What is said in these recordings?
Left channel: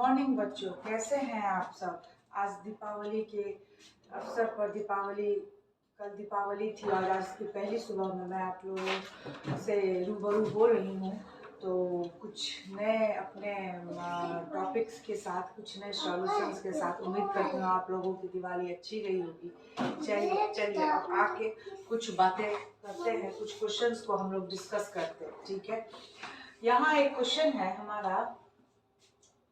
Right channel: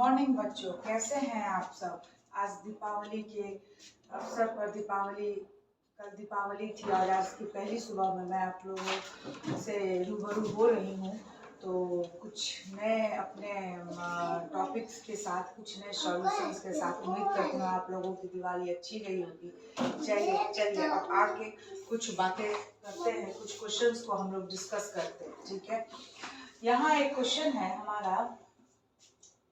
Morning बच्चों, कैसे हैं आप सब। आज दीपावली के अवसर पर कल दीपावली थी और आज की पहली सुबह में मैं आप लोगों से रूबरू हो रही हूँ। तो कुछ नए अपने टॉपिक्स के साथ, कुछ नए सॉल्यूशंस के साथ उम्मीद करती हूँ आप लोगों की दिवाली अच्छी गई होगी। चलिए अब आके कुछ बातें करते हैं, कुछ क्वेश्चंस को हम लोग डिस्कस करते हैं, ठीक है। यहाँ एक क्वेश्चन है हमारा,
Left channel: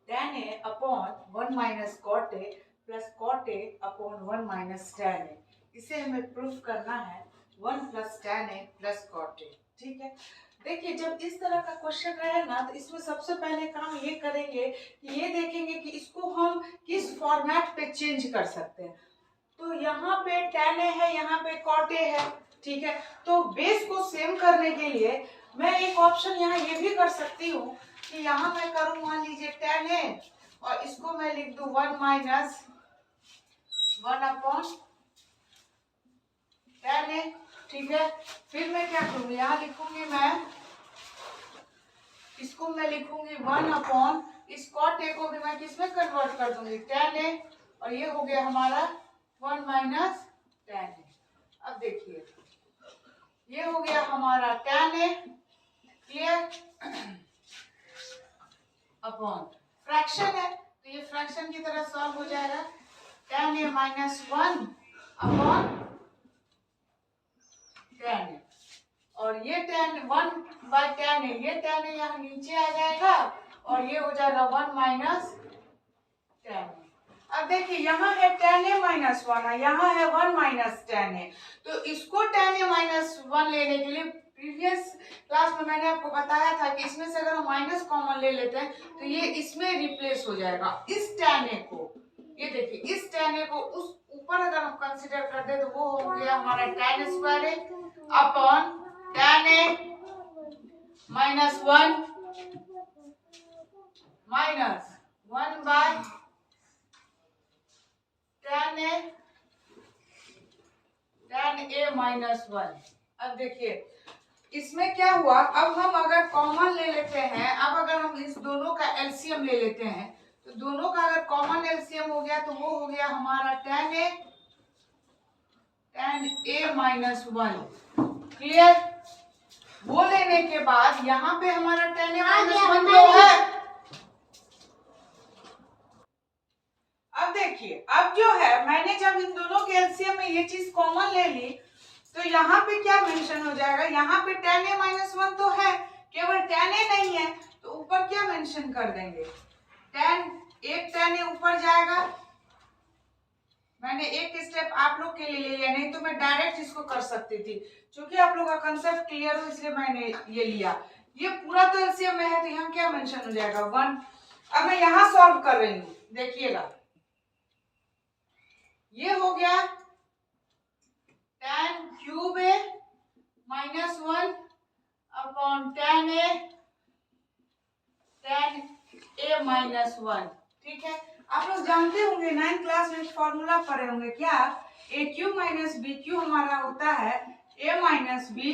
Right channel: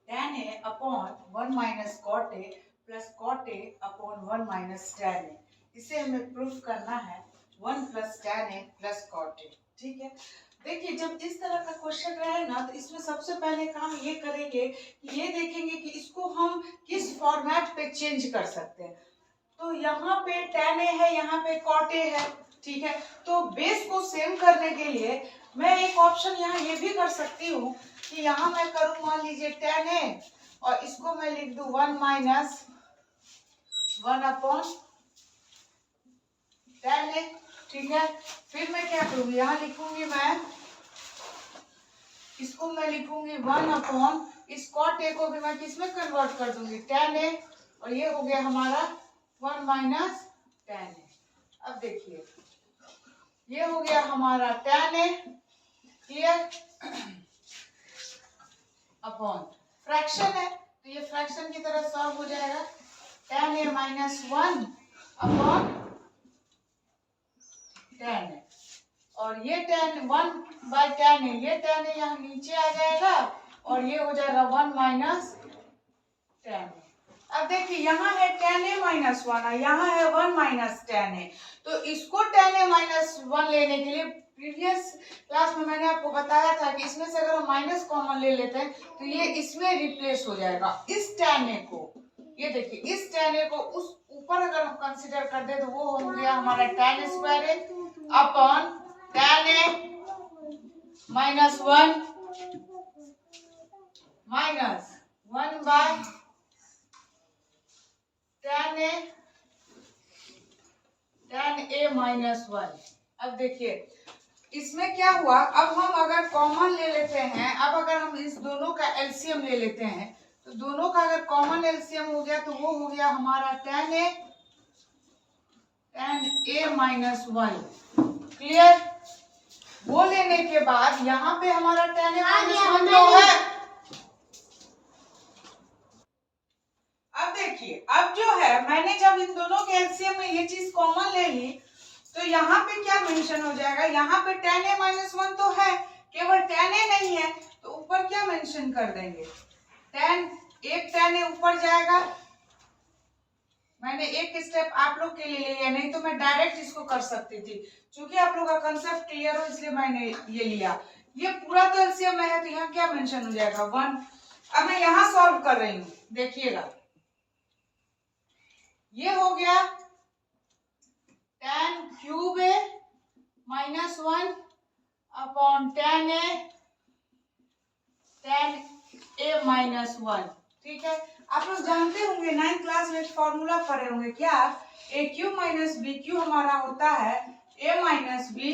tan a upon 1 minus cot a plus cot a upon 1 minus tan a। इसे हमें प्रूफ करना है 1 plus tan a plus cot a, ठीक है। देखिए, जब इस तरह का क्वेश्चन रहे ना, तो इसमें सबसे पहले काम ये करेंगे कि ये देखेंगे कि इसको हम किस फॉर्मेट पे चेंज कर सकते हैं। तो यहाँ पे tan a है, यहाँ पे cot a है, ठीक है। तो बेस को सेम करने के लिए मैं एक ऑप्शन यहाँ ये भी कर सकती हूँ कि यहाँ मैं करूँ, मान लीजिए tan a और इसको मैं लिख दूँ 1 माइनस 1 अपॉन tan a, ठीक है। फिर मैं क्या करूँगी, यहाँ लिखूंगी मैं, इसको मैं लिखूंगी 1 अपॉन इस cot a को भी मैं किसमें कन्वर्ट कर दूंगी, tan a, और ये हो गया हमारा 1 माइनस tan a। अब देखिए, ये हो गया हमारा tan a, clear, upon fraction है तो ये फ्रैक्शन की तरह सॉल्व हो जाएगा। tan a minus 1 upon tan a, और ये tan 1 बाय tan a, ये tan a यहाँ नीचे आ जाएगा और ये हो जाएगा 1 माइनस tan a। अब देखिए, यहाँ है tan a माइनस 1, यहाँ है 1 माइनस tan a। तो इसको tan a माइनस 1 लेने के लिए प्रीवियस क्लास में मैंने आपको बताया था कि इसमें से अगर हम माइनस कॉमन ले लेते हैं तो ये इसमें रिप्लेस हो जाएगा। इस tan a को, ये देखिए, इस tan a को उस ऊपर अगर हम कंसीडर कर दे तो वो हो गया हमारा tan square a upon tan a minus 1 minus 1 by tan a minus 1। अब देखिए, इसमें क्या हुआ, अब हम अगर कॉमन ले लेते हैं, अब अगर हम इस दोनों का एलसीएम ले लेते हैं तो दोनों का अगर कॉमन एलसीएम हो गया तो वो हो गया हमारा tan a माइनस 1, क्लियर। वो लेने के बाद यहाँ पे हमारा tan a माइनस 1 तो है। अब देखिए, अब जो है, मैंने जब इन दोनों के एलसीएम में ये चीज कॉमन ले ली तो यहाँ पे क्या मेंशन हो जाएगा, यहाँ पे tan a माइनस 1 तो है, केवल tan a नहीं है, तो ऊपर क्या मेंशन कर देंगे, एक tan a ऊपर जाएगा। मैंने एक स्टेप आप लोग के लिए ले लिया, नहीं तो मैं डायरेक्ट इसको कर सकती थी। क्योंकि आप लोग का कंसेप्ट क्लियर हो इसलिए मैंने ये लिया। ये पूरा तो एलसीएम में है तो यहाँ क्या मेंशन हो जाएगा, 1। अब मैं यहाँ सॉल्व कर रही हूँ, देखिएगा, ये हो गया tan cube a minus 1 upon tan a minus 1, ठीक है। आप लोग जानते होंगे, 9th क्लास में एक फॉर्मूला पढ़े होंगे, क्या, ए क्यू माइनस बी क्यू हमारा होता है a माइनस बी,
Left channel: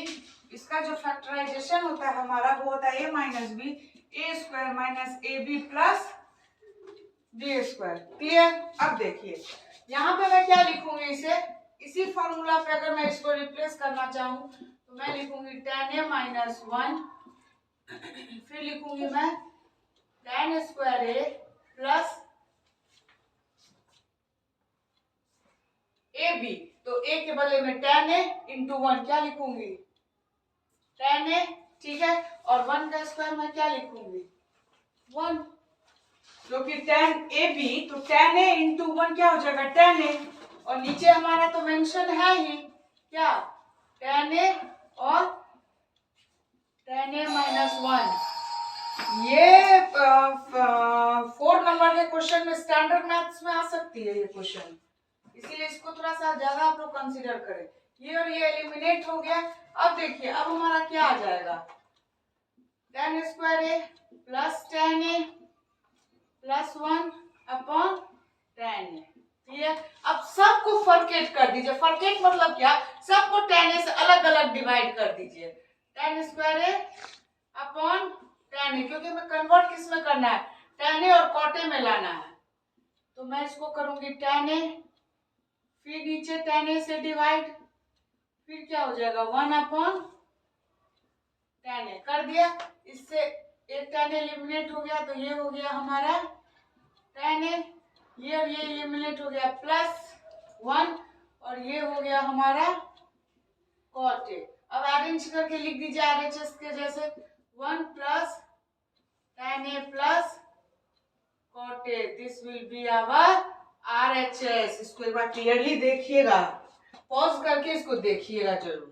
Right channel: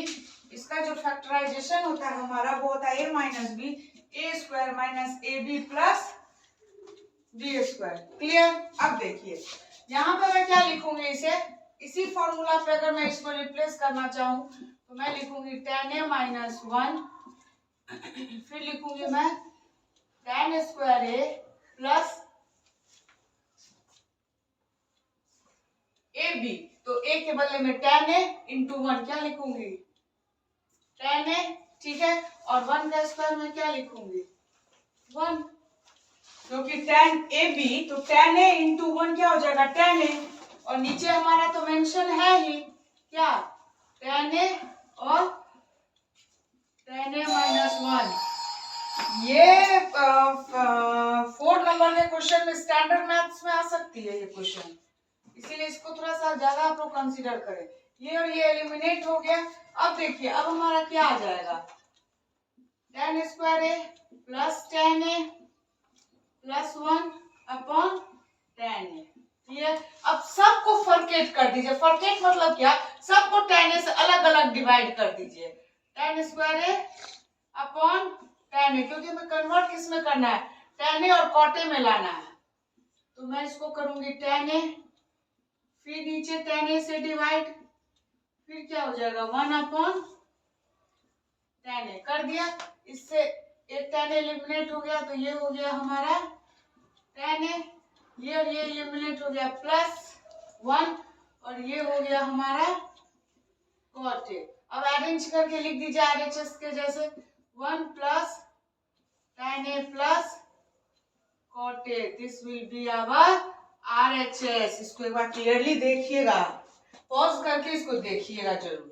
इसका जो फैक्टराइजेशन होता है हमारा वो होता है a minus B, A square minus A B plus B square, clear. अब देखिए, यहाँ पे मैं क्या लिखूंगी, इसे इसी फॉर्मूला पे अगर मैं इसको रिप्लेस करना चाहूँ तो मैं लिखूंगी tan a माइनस 1, फिर लिखूंगी मैं tan square a plus A B, तो a के बदले में tan a इंटू 1 क्या लिखूंगी, tan a, ठीक है। और 1 का स्क्वायर मैं क्या लिखूंगी, 1, जो कि tan ए बी, तो tan a इंटू 1 क्या हो जाएगा, tan a, और नीचे हमारा तो मेंशन है ही क्या, tan a और tan a माइनस 1। ये 4 नंबर के क्वेश्चन में, स्टैंडर्ड मैथ्स में आ सकती है ये क्वेश्चन, इसीलिए इसको थोड़ा सा ज्यादा आप लोग कंसीडर करें। ये और ये एलिमिनेट हो गया। अब देखिए, अब हमारा क्या आ जाएगा, tan square a plus tan a plus 1 upon tan a, ठीक है। अब सबको फॉरकेट कर दीजिए, फॉरकेट मतलब क्या, सबको tan a से अलग अलग डिवाइड कर दीजिए, tan square a upon tan a, क्योंकि हमें कन्वर्ट किस में करना है, tan A और cot A में लाना है, तो मैं इसको करूंगी tan A, फिर नीचे tan A से डिवाइड, फिर क्या हो जाएगा 1/tan A कर दिया। इससे एक tan A एलिमिनेट हो गया, तो ये हो गया हमारा tan A, ये और ये एलिमिनेट हो गया +1, और ये हो गया हमारा cot A। अब अरेंज करके लिख दीजिए RHS के जैसे 1 + tan A + cot A, this will be our RHS। इसको एक बार क्लियरली देखिएगा, पॉज करके इसको देखिएगा जरूर।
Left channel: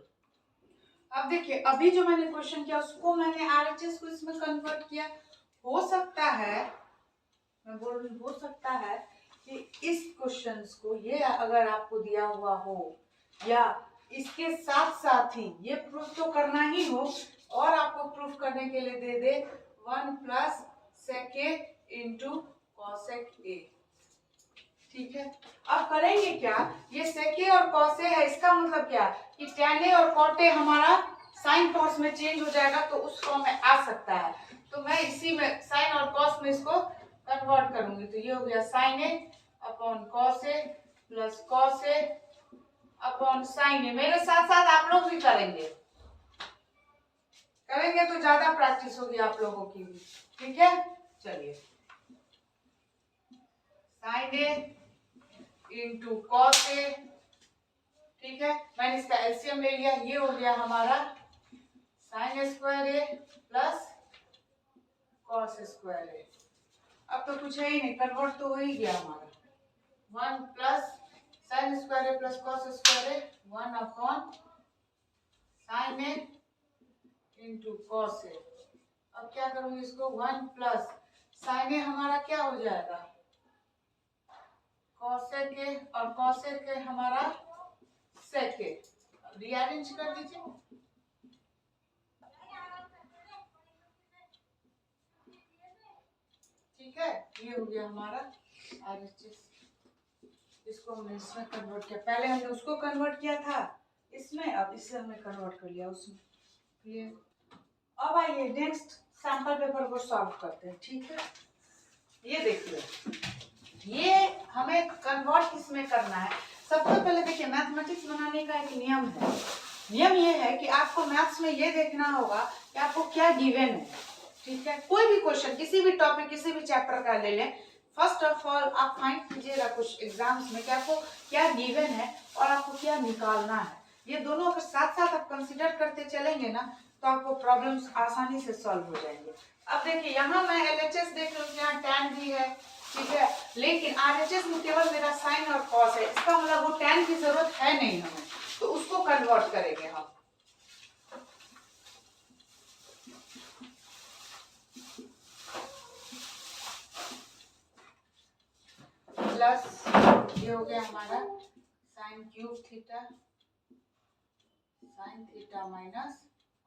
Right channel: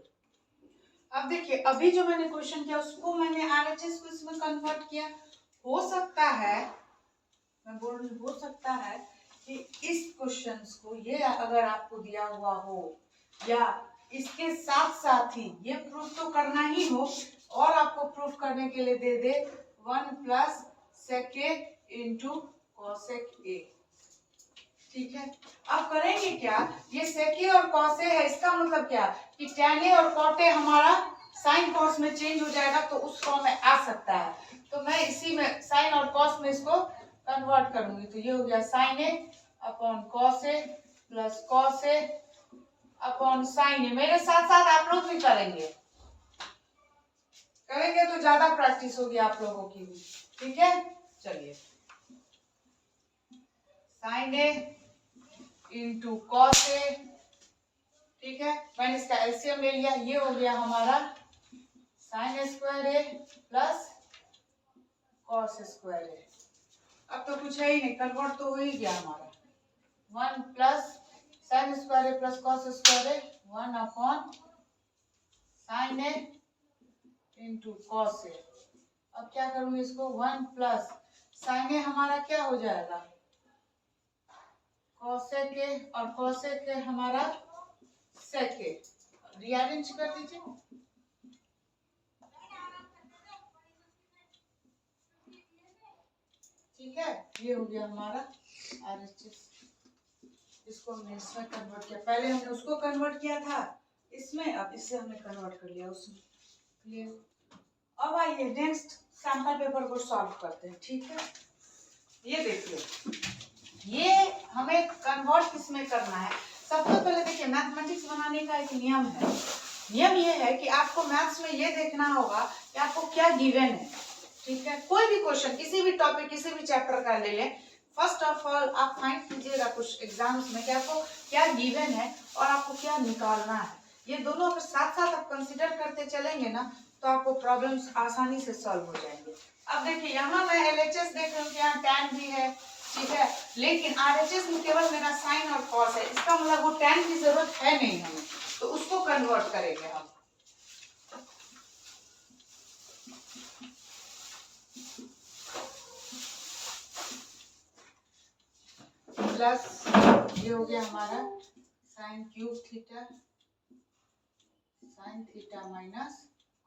अब देखिए, अभी जो मैंने क्वेश्चन किया उसको मैंने RHS को इसमें कन्वर्ट किया। हो सकता है, मैं बोल रही हो सकता है कि इस क्वेश्चंस को ये अगर आपको दिया हुआ हो या इसके साथ साथ ही ये प्रूफ तो करना ही हो, और आपको प्रूफ करने के लिए दे दे 1 + sec A × cosec A। ठीक है, अब करेंगे क्या, ये sec A और cos A है, इसका मतलब क्या कि tan A और cot A हमारा sin cos में चेंज हो जाएगा, तो उस फॉर्म में आ सकता है। तो मैं इसी में sin और cos में इसको कन्वर्ट करूंगी, तो ये हो गया sin A / cos A + cos A / sin A। मेरे साथ साथ आप लोग भी करेंगे तो ज्यादा प्रैक्टिस होगी आप लोगों की भी। ठीक है, चलिए sin A × cos A, ठीक है, मैंने इसका एलसीएम ले लिया, ये हो गया हमारा sin² A + cos² A। अब तो कुछ है ही नहीं, कन्वर्ट तो हो ही गया हमारा, 1 + sin² A + cos² A, 1/sin A × cos A। अब क्या करूंगी इसको, 1 + sin A हमारा क्या हो जाएगा cosec A, और cosec A हमारा sec A। रीअरेंज कर दीजिए, ठीक है, ये हो गया हमारा RHS। इसको हमने इसमें कन्वर्ट किया, पहले हमने उसको कन्वर्ट किया था इसमें, अब इससे हमने कन्वर्ट कर लिया उसमें। क्लियर। अब आइए नेक्स्ट सैंपल पेपर को सॉल्व करते हैं। ठीक है, ये देखिए, ये हमें कन्वर्ट किसमें करना है। सबसे पहले देखिए, मैथमेटिक्स बनाने का एक नियम है। नियम ये है कि आपको मैथ्स में ये देखना होगा कि आपको क्या गिवन है। ठीक है, कोई भी क्वेश्चन, किसी भी टॉपिक, किसी भी चैप्टर का ले लें, फर्स्ट ऑफ ऑल आप फाइंड कीजिएगा कुछ एग्जाम्स में कि आपको क्या गिवन है और आपको क्या निकालना है। ये दोनों अगर साथ साथ आप कंसिडर करते चलेंगे ना, तो आपको प्रॉब्लम्स आसानी से सॉल्व हो जाएंगे। अब देखिए, यहाँ मैं LHS देख रही हूँ, यहाँ tan भी है, ठीक है, लेकिन RHS में केवल मेरा साइन और कॉस है, इसका मतलब वो tan की जरूरत है नहीं हमें, तो उसको कन्वर्ट करेंगे हम। प्लस ये हो गया हमारा sin³ theta, sin theta minus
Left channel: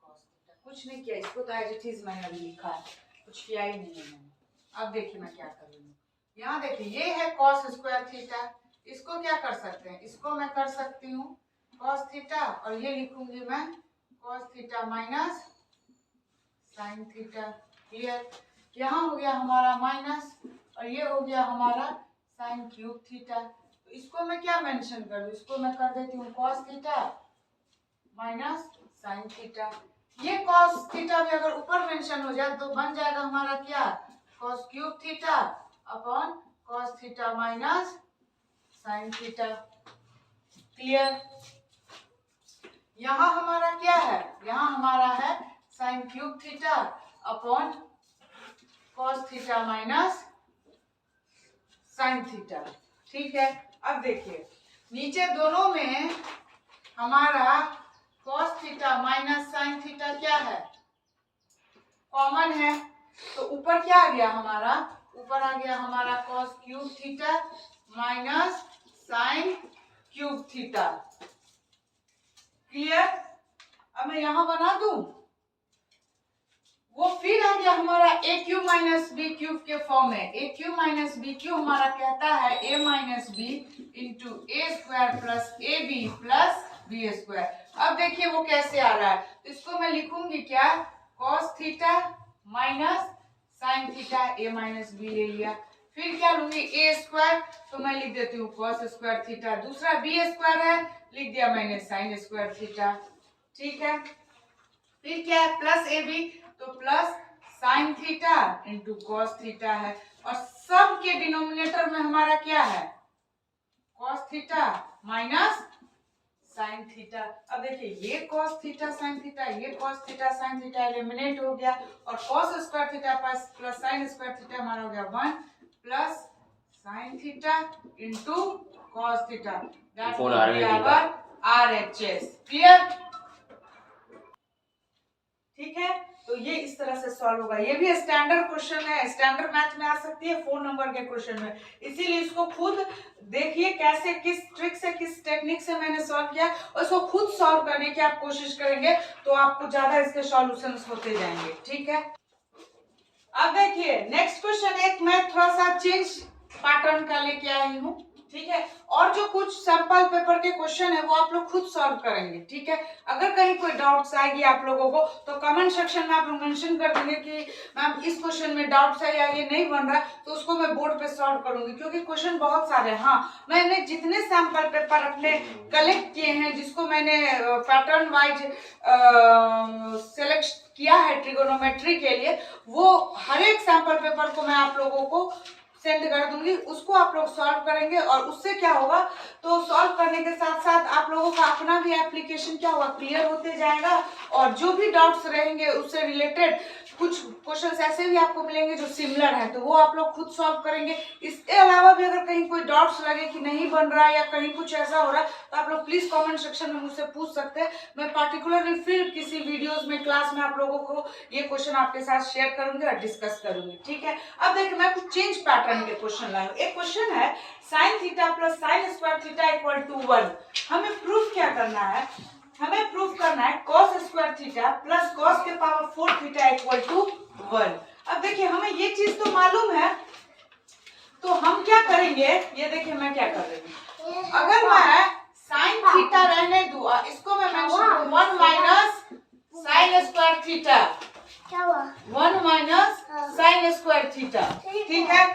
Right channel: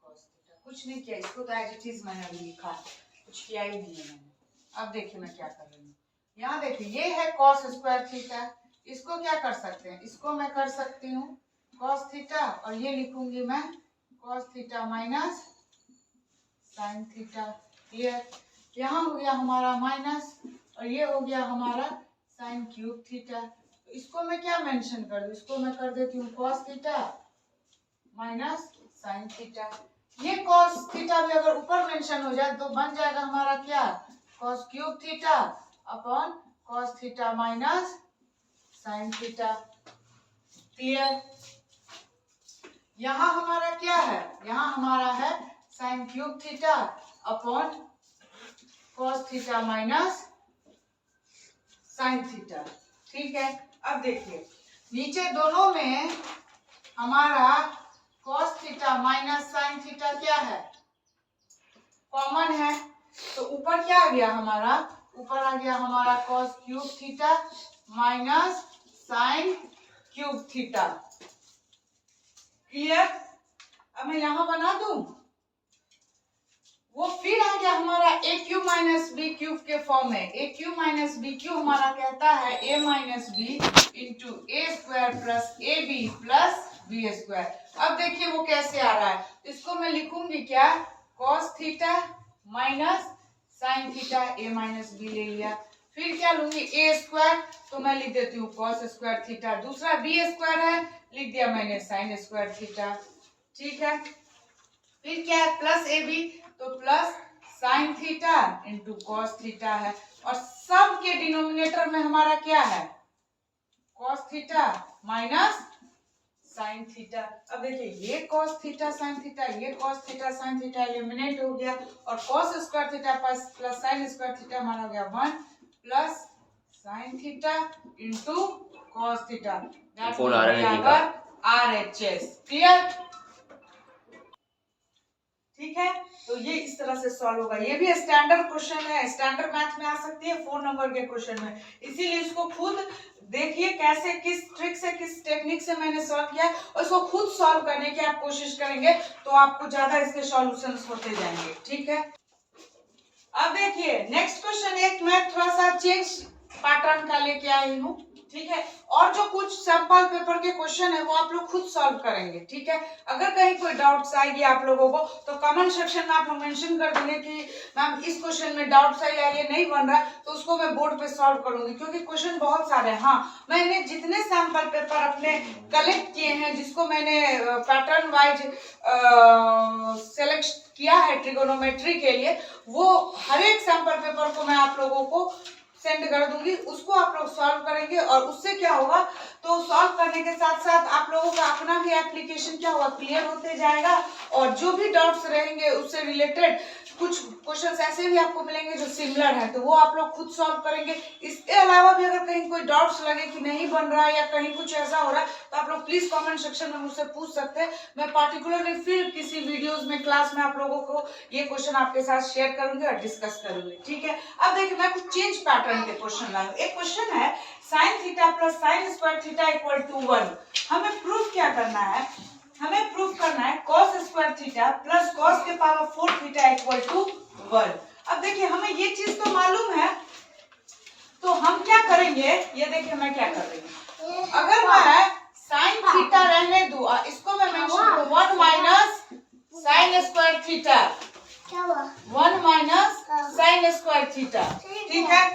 cos theta. कुछ नहीं किया, इसको तो एज इट इज मैंने अभी लिखा है, कुछ किया ही नहीं है मैंने। अब देखिए मैं क्या कर रही हूँ, यहाँ देखिए ये है cos² थीटा, इसको क्या कर सकते हैं, इसको मैं कर सकती हूँ cos थीटा, और ये लिखूंगी मैं cos theta minus sin theta. Clear. यहाँ हो गया हमारा माइनस, और ये हो गया हमारा sin³ थीटा। तो इसको मैं क्या मेंशन कर दूं, इसको मैं कर देती हूँ cos theta minus sin theta. ये cos थीटा भी अगर ऊपर मेंशन हो जाए तो बन जाएगा हमारा क्या, cos³ theta / cos theta minus sin theta. Clear. यहाँ हमारा क्या है, यहाँ हमारा है sin³ theta / cos theta minus sin theta. ठीक है, अब देखिए नीचे दोनों में हमारा cos theta minus sin theta क्या है, कॉमन है, तो ऊपर क्या आ गया हमारा, ऊपर आ गया हमारा cos³ theta minus sin³ theta. Clear. अब मैं यहां बना दूं, वो फिर आ गया हमारा AQ माइनस BQ के फॉर्म में। AQ माइनस BQ हमारा कहता है A minus B into A² plus AB plus B²। अब देखिए वो कैसे आ रहा है, इसको मैं लिखूंगी क्या, cos theta minus sine theta A minus B ले लिया। फिर क्या लूंगी ए स्क्वायर, तो मैं लिख देती हूँ कॉस स्क्वायर थीटा। दूसरा बी स्क्वायर है, लिख दिया मैंने साइन स्क्वायर थीटा। ठीक है, फिर क्या है प्लस ए बी, तो plus sine theta into cos theta है। और सब के डिनोमिनेटर में हमारा क्या है, cos theta minus sine theta. अब देखिए ये cos थीटा साइन थीटा, ये cos theta sine theta eliminate हो गया, और cos square theta plus sine square theta हमारा हो गया 1 plus sine theta into cos theta, that will be our RHS। Clear? ठीक है, तो ये इस तरह से सॉल्व होगा। ये भी स्टैंडर्ड क्वेश्चन है, स्टैंडर्ड मैथ में आ सकती है 4 नंबर के क्वेश्चन में, इसीलिए इसको खुद देखिए कैसे, किस ट्रिक से, किस टेक्निक से मैंने सॉल्व किया, और इसको खुद सॉल्व करने की आप कोशिश करेंगे तो आपको ज्यादा इसके सॉल्यूशंस होते जाएंगे। ठीक है, अब देखिए नेक्स्ट क्वेश्चन, एक मैं थोड़ा सा चेंज पैटर्न का लेके आई हूँ। ठीक है, और जो कुछ सैंपल पेपर के क्वेश्चन है वो आप लोग खुद सॉल्व करेंगे। ठीक है, अगर कहीं कोई डाउट्स आएगी आप लोगों को तो कमेंट सेक्शन में आप लोग मेंशन कर देंगे कि मैम इस क्वेश्चन में डाउट्स है या ये नहीं बन रहा है, तो उसको मैं बोर्ड पे सॉल्व करूंगी, क्योंकि क्वेश्चन बहुत सारे हैं। हाँ, मैंने जितने सैंपल पेपर अपने कलेक्ट किए हैं, जिसको मैंने पैटर्न वाइज सेलेक्ट किया है ट्रिगोनोमेट्री के लिए, वो हर एक सैंपल पेपर को मैं आप लोगों को सेंड कर दूंगी, उसको आप लोग सॉल्व करेंगे। और उससे क्या होगा, तो सॉल्व करने के साथ साथ आप लोगों का अपना भी एप्लीकेशन क्या होगा, क्लियर होते जाएगा, और जो भी डाउट्स रहेंगे उससे रिलेटेड कुछ क्वेश्चंस ऐसे भी आपको मिलेंगे जो सिमिलर है, तो वो आप लोग खुद सॉल्व करेंगे। इसके अलावा भी अगर कहीं कोई डाउट्स लगे कि नहीं बन रहा है या कहीं कुछ ऐसा हो रहा है, तो आप लोग प्लीज कमेंट सेक्शन में मुझसे पूछ सकते हैं। मैं पार्टिकुलरली फिर किसी वीडियोस में, क्लास में आप लोगों को ये क्वेश्चन आपके साथ शेयर करूंगी और डिस्कस करूंगी। ठीक है, अब देखिए मैं कुछ चेंज पैटर्न के क्वेश्चन लाई हूं। एक क्वेश्चन है sine theta plus sine square theta equal to 1। हमें प्रूफ क्या करना है, हमें प्रूफ करना है cos square theta plus cos के पावर 4 थीटा इक्वल टू 1। अब देखिए हमें ये चीज तो मालूम है, तो हम क्या करेंगे, ये देखिए मैं क्या कर रही हूँ, अगर मैं साइन थीटा रहने दूं और इसको मैं मेंशन करूं 1 minus sine square theta, 1 minus sine square theta. ठीक है,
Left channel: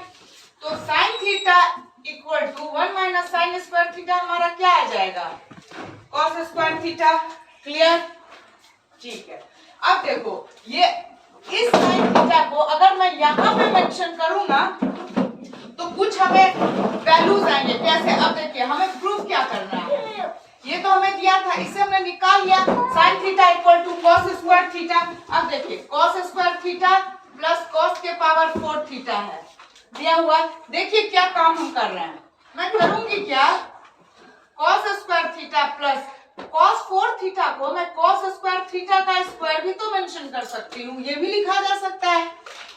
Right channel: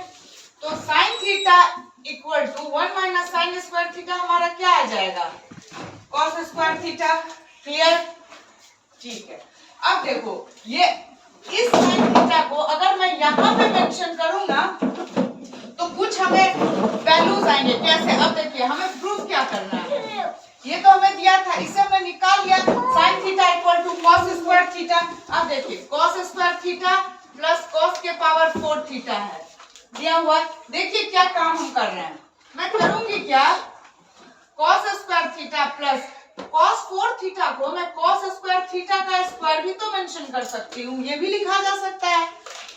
तो sine theta equal to 1 minus sine square theta हमारा क्या आ जाएगा, cos स्क्वायर थीटा। क्लियर? ठीक है, अब देखो ये इस साइन थीटा को अगर मैं यहाँ पे मेंशन करूंगा तो कुछ हमें वैल्यूज आएंगे। कैसे? अब देखिए हमें प्रूफ क्या करना है, ये तो हमें दिया था, इससे हमने निकाल लिया sine theta equal to cos square theta. अब देखिए cos square theta plus cos के पावर 4 थीटा है, दिया हुआ है। देखिए क्या काम हम कर रहे हैं, मैं करूंगी क्या, cos square theta plus cos 4 theta को मैं cos स्क्वायर थीटा का स्क्वायर भी तो मेंशन कर सकती हूँ, ये भी लिखा जा सकता है।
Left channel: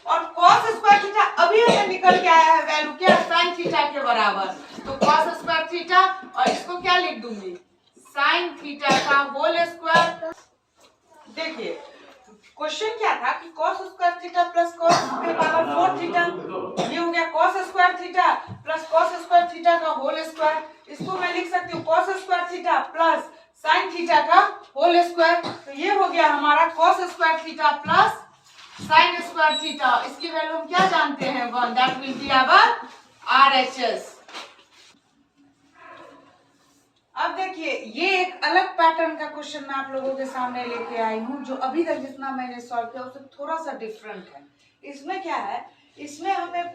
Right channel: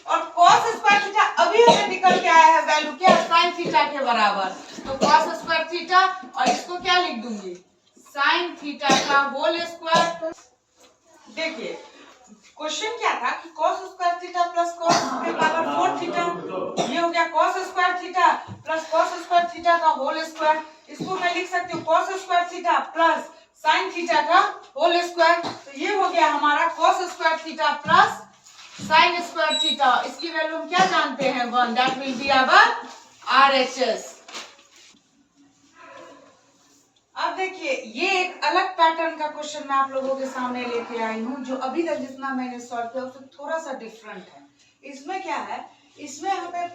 और cos स्क्वायर थीटा अभी हमें निकल के आया है वैल्यू क्या, sin थीटा के बराबर, तो cos स्क्वायर थीटा और इसको क्या लिख दूंगी, sin थीटा का होल स्क्वायर। देखिए क्वेश्चन क्या था कि cos square theta plus cos के पावर 4 थीटा, ये हो गया cos square theta plus cos square theta का होल स्क्वायर। इसको मैं लिख सकती हूँ cos square theta plus sin theta का होल स्क्वायर, तो ये हो गया हमारा cos square theta plus sin square theta. इसकी वैल्यू हम क्या जानते हैं, 1, that will be our RHS। अब देखिए ये एक अलग पैटर्न का क्वेश्चन मैं आप लोगों के सामने लेके आई हूँ, जो अभी तक जितना मैंने सॉल्व किया उससे थोड़ा सा डिफरेंट है। इसमें क्या है, इसमें हमें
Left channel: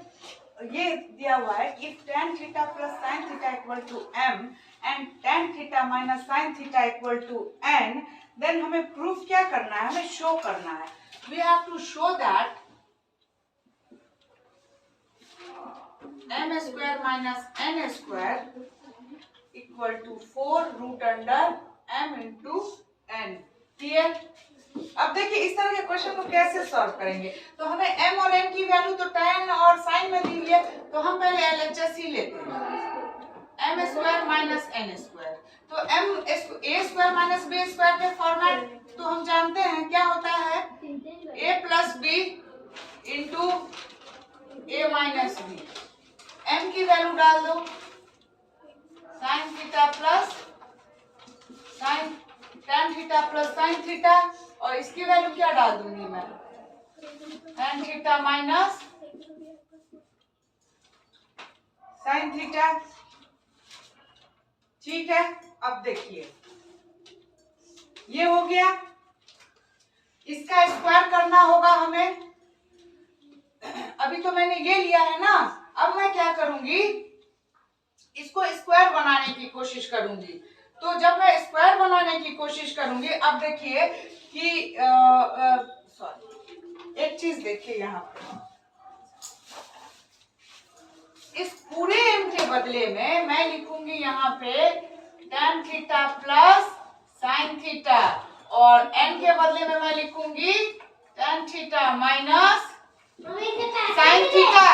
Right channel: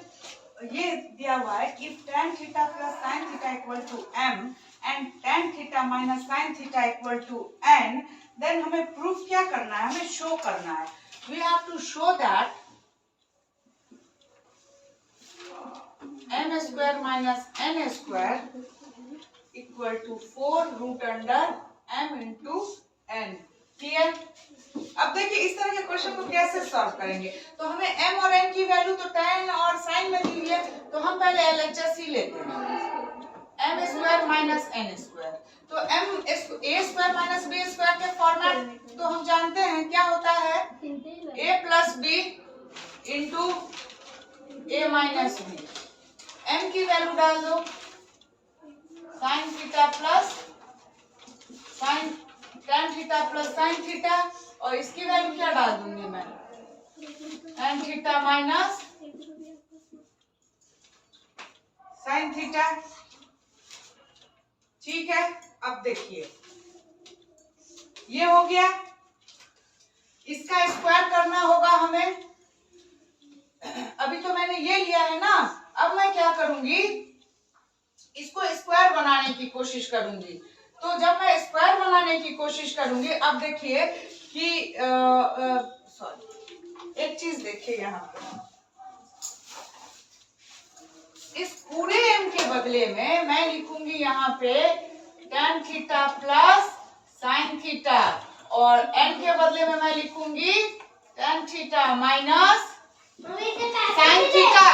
ये दिया हुआ है कि tan theta plus sine theta equal to m and tan theta minus sine theta equal to n। Then हमें प्रूफ क्या करना है, हमें शो करना है, we have to show that m square minus n square equal to 4 root under m into n। Clear? अब देखिए इस तरह के क्वेश्चन को कैसे सॉल्व करेंगे, तो हमें m और n की वैल्यू तो tan और sin में दी हुई है, तो हम पहले LHS ही लेते हैं, m square minus n square. तो m a square minus b square के फॉर्मेट तो हम जानते हैं क्या होता है, a plus b into a minus b। m की वैल्यू डाल दो, sign theta plus sign tan theta plus sine theta, और इसकी वैल्यू क्या डाल दूंगी मैं, tan theta minus sin theta. ठीक है, अब देखिए ये हो गया, इसका स्क्वायर करना होगा हमें। अभी तो मैंने ये लिया है ना, अब मैं क्या करूंगी, इसको स्क्वायर बनाने की कोशिश करूंगी। तो जब मैं स्क्वायर बनाने की कोशिश करूंगी, अब देखिए कि सॉरी एक चीज देखिए यहाँ पे, इस पूरे m के बदले में मैं लिखूंगी यहाँ पे tan theta plus sin theta, और n के बदले में मैं लिखूंगी tan theta minus sin theta.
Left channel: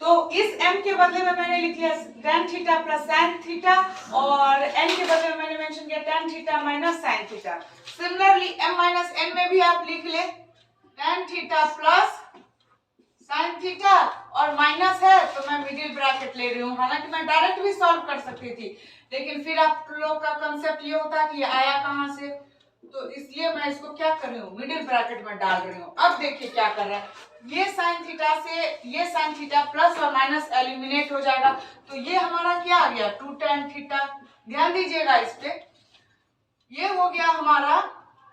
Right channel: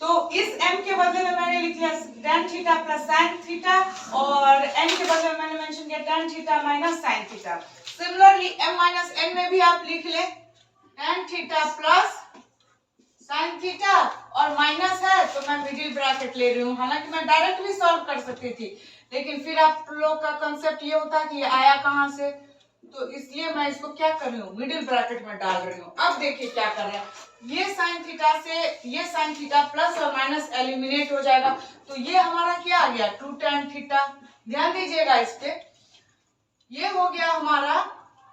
तो इस m के बदले में मैंने लिख लिया tan theta plus sin theta, और n के बदले में मैंने मेंशन किया tan theta minus sin theta. Similarly m minus n में भी आप लिख ले tan theta plus sin theta, और माइनस है तो मैं मिडिल ब्रैकेट ले रही हूँ। हालांकि मैं डायरेक्ट भी सॉल्व कर सकती थी, लेकिन फिर आप लोग का कंसेप्ट ये होता कि ये आया कहाँ से, तो इसलिए मैं इसको क्या कर रही हूँ, मिडिल ब्रैकेट में डाल रही हूँ। अब देखिए क्या कर रहा है, ये sin थीटा से ये sin थीटा प्लस और माइनस एलिमिनेट हो जाएगा, तो ये हमारा क्या आ गया 2 tan थीटा। ध्यान दीजिएगा इस पे, ये हो गया हमारा,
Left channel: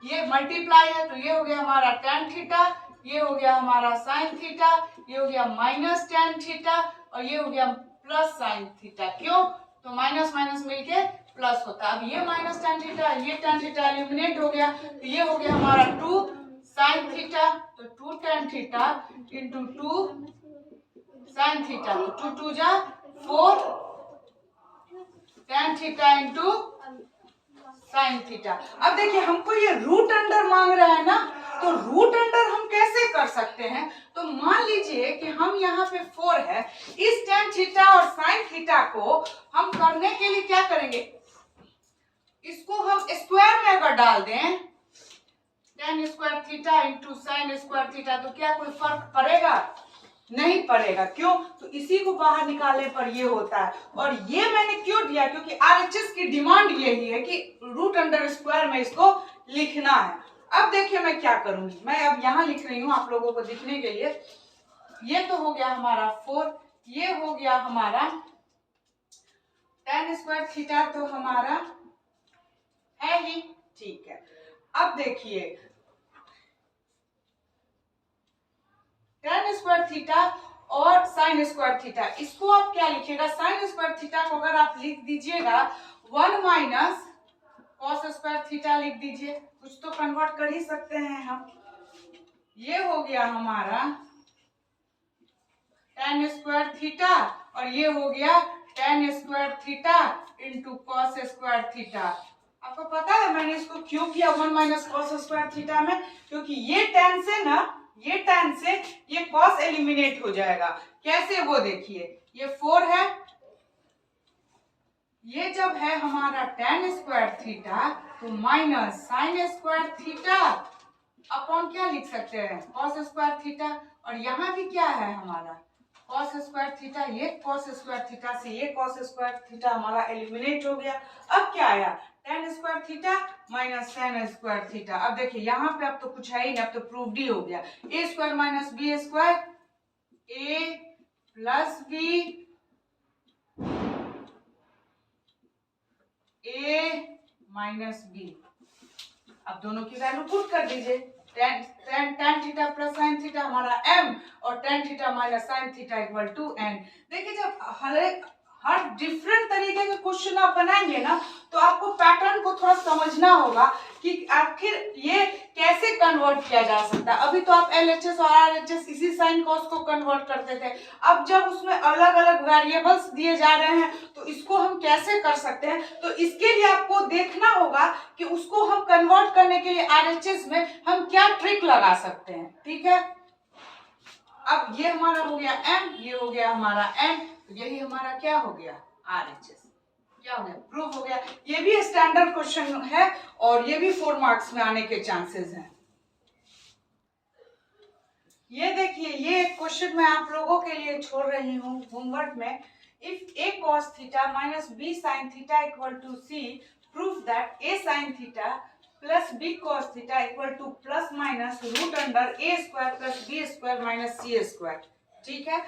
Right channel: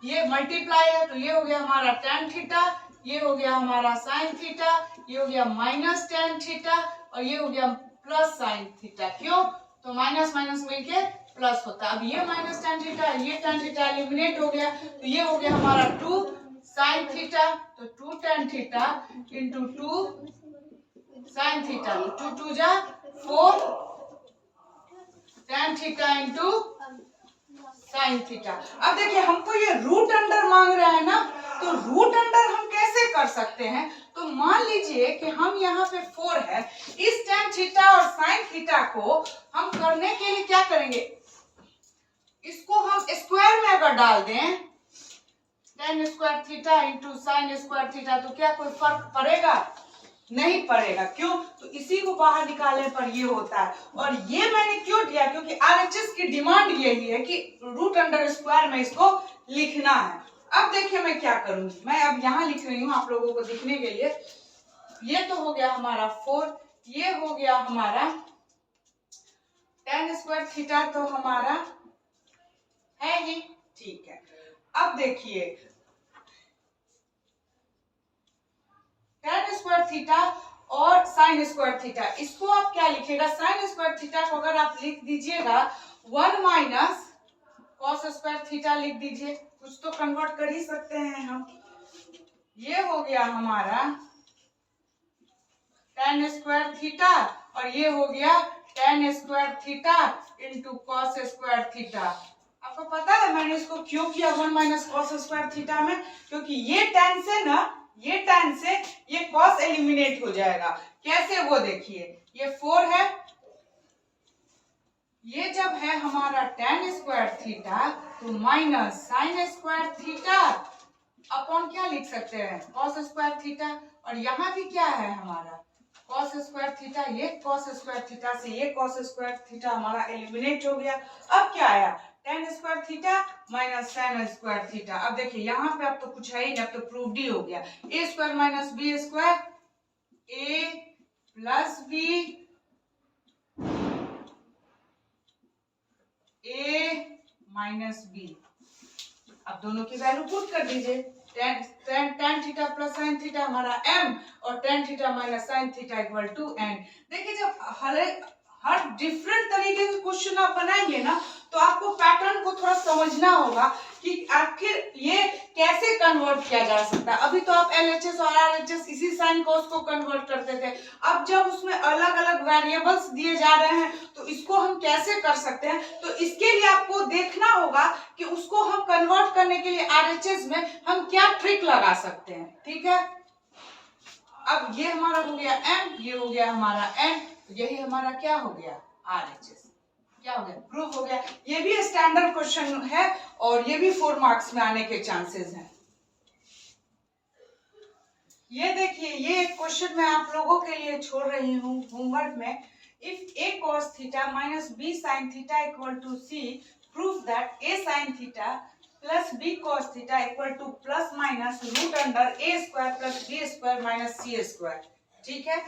ये मल्टीप्लाई है तो ये हो गया हमारा tan थीटा, ये हो गया हमारा sin थीटा, ये हो गया माइनस tan थीटा, और ये हो गया प्लस sin थीटा। क्यों, तो माइनस माइनस मिलके प्लस होता है। अब ये माइनस tan थीटा, ये tan थीटा एलिमिनेट हो गया, तो ये हो गया हमारा 2 sin थीटा, तो 2 tan theta into 2 sin theta, तो 2 2 जा 4 tan theta into sin theta. अब देखिए हमको ये रूट अंडर मांग रहा है ना, तो रूट अंडर हम कैसे कर सकते हैं, तो मान लीजिए कि हम यहाँ पे 4 है, इस tan थीटा और sin थीटा को हम करने के लिए क्या करेंगे, इसको हम स्क्वायर में अगर डाल दें tan square theta into sin square theta, तो क्या कोई फर्क पड़ेगा, नहीं पड़ेगा। क्यों, तो इसी को बाहर निकालने पर ये होता है। और ये मैंने क्यों दिया, क्योंकि आरएचएस की डिमांड यही है कि रूट अंडर स्क्वायर में इसको लिखना है। अब देखिए मैं क्या करूंगी, मैं अब यहाँ लिख रही हूँ आप लोगों को दिखने के लिए। ये तो हो गया हमारा 4, ये हो गया हमारा tan स्क्वायर थीटा, तो हमारा है ही, ठीक है। अब देखिए tan स्क्वायर थीटा और sin स्क्वायर थीटा, इसको आप क्या लिखिएगा, sin स्क्वायर थीटा को अगर आप लिख दीजिएगा 1 माइनस cos स्क्वायर थीटा लिख दीजिए, कुछ तो कन्वर्ट कर ही सकते हैं हम। ये हो गया हमारा tan स्क्वायर थीटा, और ये हो गया tan square theta into cos square theta. आपको पता है मैंने इसको क्यों किया 1 माइनस cos स्क्वायर थीटा में, क्योंकि ये tan से ना, ये tan से ये cos एलिमिनेट हो जाएगा। कैसे, वो देखिए, ये 4 है, ये जब है हमारा tan स्क्वायर थीटा, तो minus sin square theta upon क्या लिख सकते हैं, cos स्क्वायर थीटा, और यहाँ भी क्या है हमारा cos स्क्वायर थीटा, ये cos स्क्वायर थीटा से ये cos स्क्वायर थीटा हमारा एलिमिनेट हो गया। अब क्या आया tan square theta minus sin square theta. अब देखिए यहाँ पे अब तो कुछ है ही नहीं, अब तो प्रूव्ड ही हो गया, a square minus b square, a plus b, a minus b। अब दोनों की वैल्यू पुट कर दीजिए, tan theta plus sin theta हमारा m, और tan theta minus sin theta equal to n। देखिए जब हर डिफरेंट तरीके के क्वेश्चन आप बनाएंगे ना, तो आपको पैटर्न को थोड़ा समझना होगा कि आखिर ये कैसे कन्वर्ट किया जा सकता है। अभी तो आप एलएचएस और आरएचएस इसी साइन कॉस को कन्वर्ट करते थे, अब जब उसमें अलग अलग वेरिएबल्स दिए जा रहे हैं तो इसको हम कैसे कर सकते हैं, तो इसके लिए आपको देखना होगा कि उसको हम कन्वर्ट करने के लिए आरएचएस में हम क्या ट्रिक लगा सकते हैं। ठीक है, अब ये हमारा हो गया m, ये हो गया हमारा n, तो यही हमारा क्या हो गया आरएचएस, क्या हो गया, प्रूफ हो गया। ये भी स्टैंडर्ड क्वेश्चन है और ये भी 4 मार्क्स में आने के चांसेस हैं। ये देखिए, ये एक क्वेश्चन मैं आप लोगों के लिए छोड़ रही हूँ होमवर्क में। If a cos theta minus b sin theta equal to c, proof that a sin theta plus B cos theta equal to plus minus root under A square plus B square minus C square. ठीक है,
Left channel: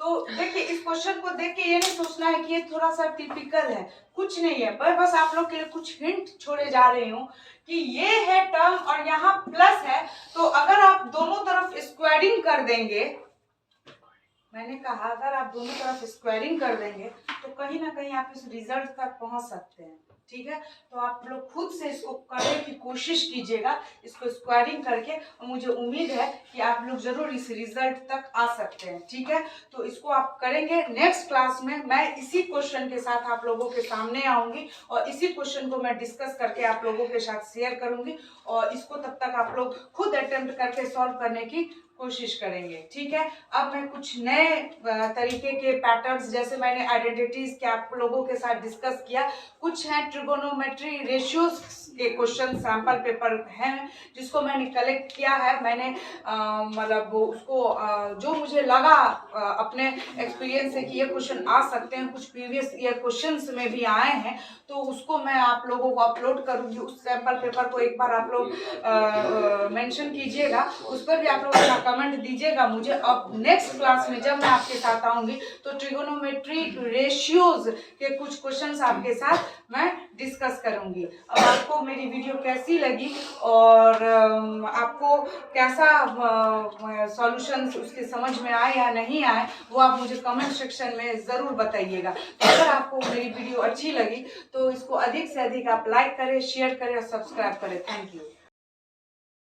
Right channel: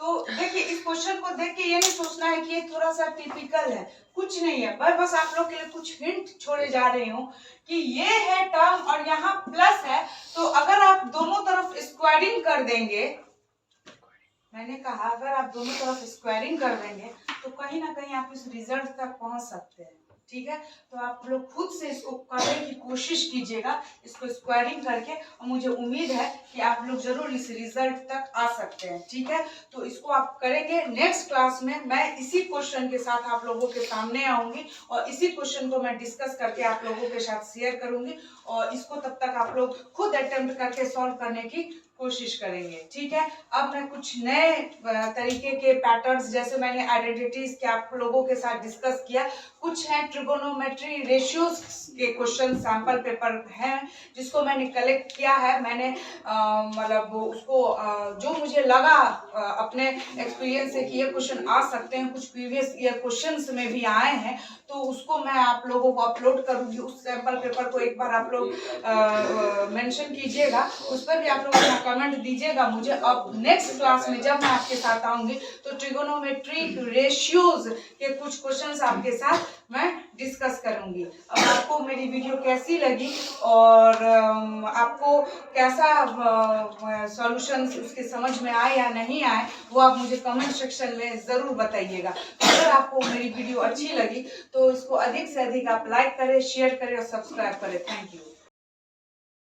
तो देखिए इस question को देख के ये नहीं सोचना है कि ये थोड़ा सा टिपिकल है, कुछ नहीं है, बस आप लोग के लिए कुछ हिंट छोड़े जा रही हूँ कि ये है टर्म और यहाँ प्लस है, तो अगर आप दोनों तरफ स्क्वायरिंग कर देंगे, मैंने कहा अगर आप दोनों तरफ स्क्वायरिंग कर देंगे तो कहीं ना कहीं आप इस रिजल्ट तक पहुंच सकते हैं। ठीक है, तो आप लोग खुद से इसको करने की कोशिश कीजिएगा, इसको स्क्वायरिंग करके, और मुझे उम्मीद है कि आप लोग जरूर इस रिजल्ट तक आ सकते हैं। ठीक है, तो इसको आप करेंगे। नेक्स्ट क्लास में मैं इसी क्वेश्चन के साथ आप लोगों के सामने आऊंगी और इसी क्वेश्चन को मैं डिस्कस करके आप लोगों के साथ शेयर करूंगी, और इसको तब तक आप लोग खुद अटेम्प्ट करके सॉल्व करने की कोशिश करेंगे। ठीक है, अब मैं कुछ नए तरीके के पैटर्न्स, जैसे मैंने आइडेंटिटीज के आप लोगों के साथ डिस्कस किया, कुछ हैं ट्रिगोनोमेट्री रेशियोज के क्वेश्चन सैंपल पेपर हैं जिसको मैंने कलेक्ट किया है। मैंने मतलब उसको जो मुझे लगा अपने एक्सपीरियंस से कि ये क्वेश्चन आ सकते हैं, कुछ प्रीवियस ईयर क्वेश्चंस में भी आए हैं, तो उसको मैं आप लोगों को अपलोड करूंगी। उस सैंपल पेपर को एक बार आप लोग मेंशन कीजिएगा, उस पर भी आप लोग अपना कमेंट दीजिएगा मुझे। अब नेक्स्ट क्लास में जब मैं आपके साथ आऊंगी तो ट्रिगोनोमेट्री रेशियोज के कुछ क्वेश्चंस आपके साथ मैं डिस्कस करूंगी। अब आपको मेरी वीडियो कैसी लगी और आपको कैसा सॉल्यूशंस उसके समझ में आए या नहीं आए, वो आप मुझे कमेंट सेक्शन में ज़रूर बताइएगा। तो अगर आपको मेरी वीडियो अच्छी लगी तो इसको अधिक से अधिक आप लाइक करें, शेयर करें और सब्सक्राइब करें। Thank you.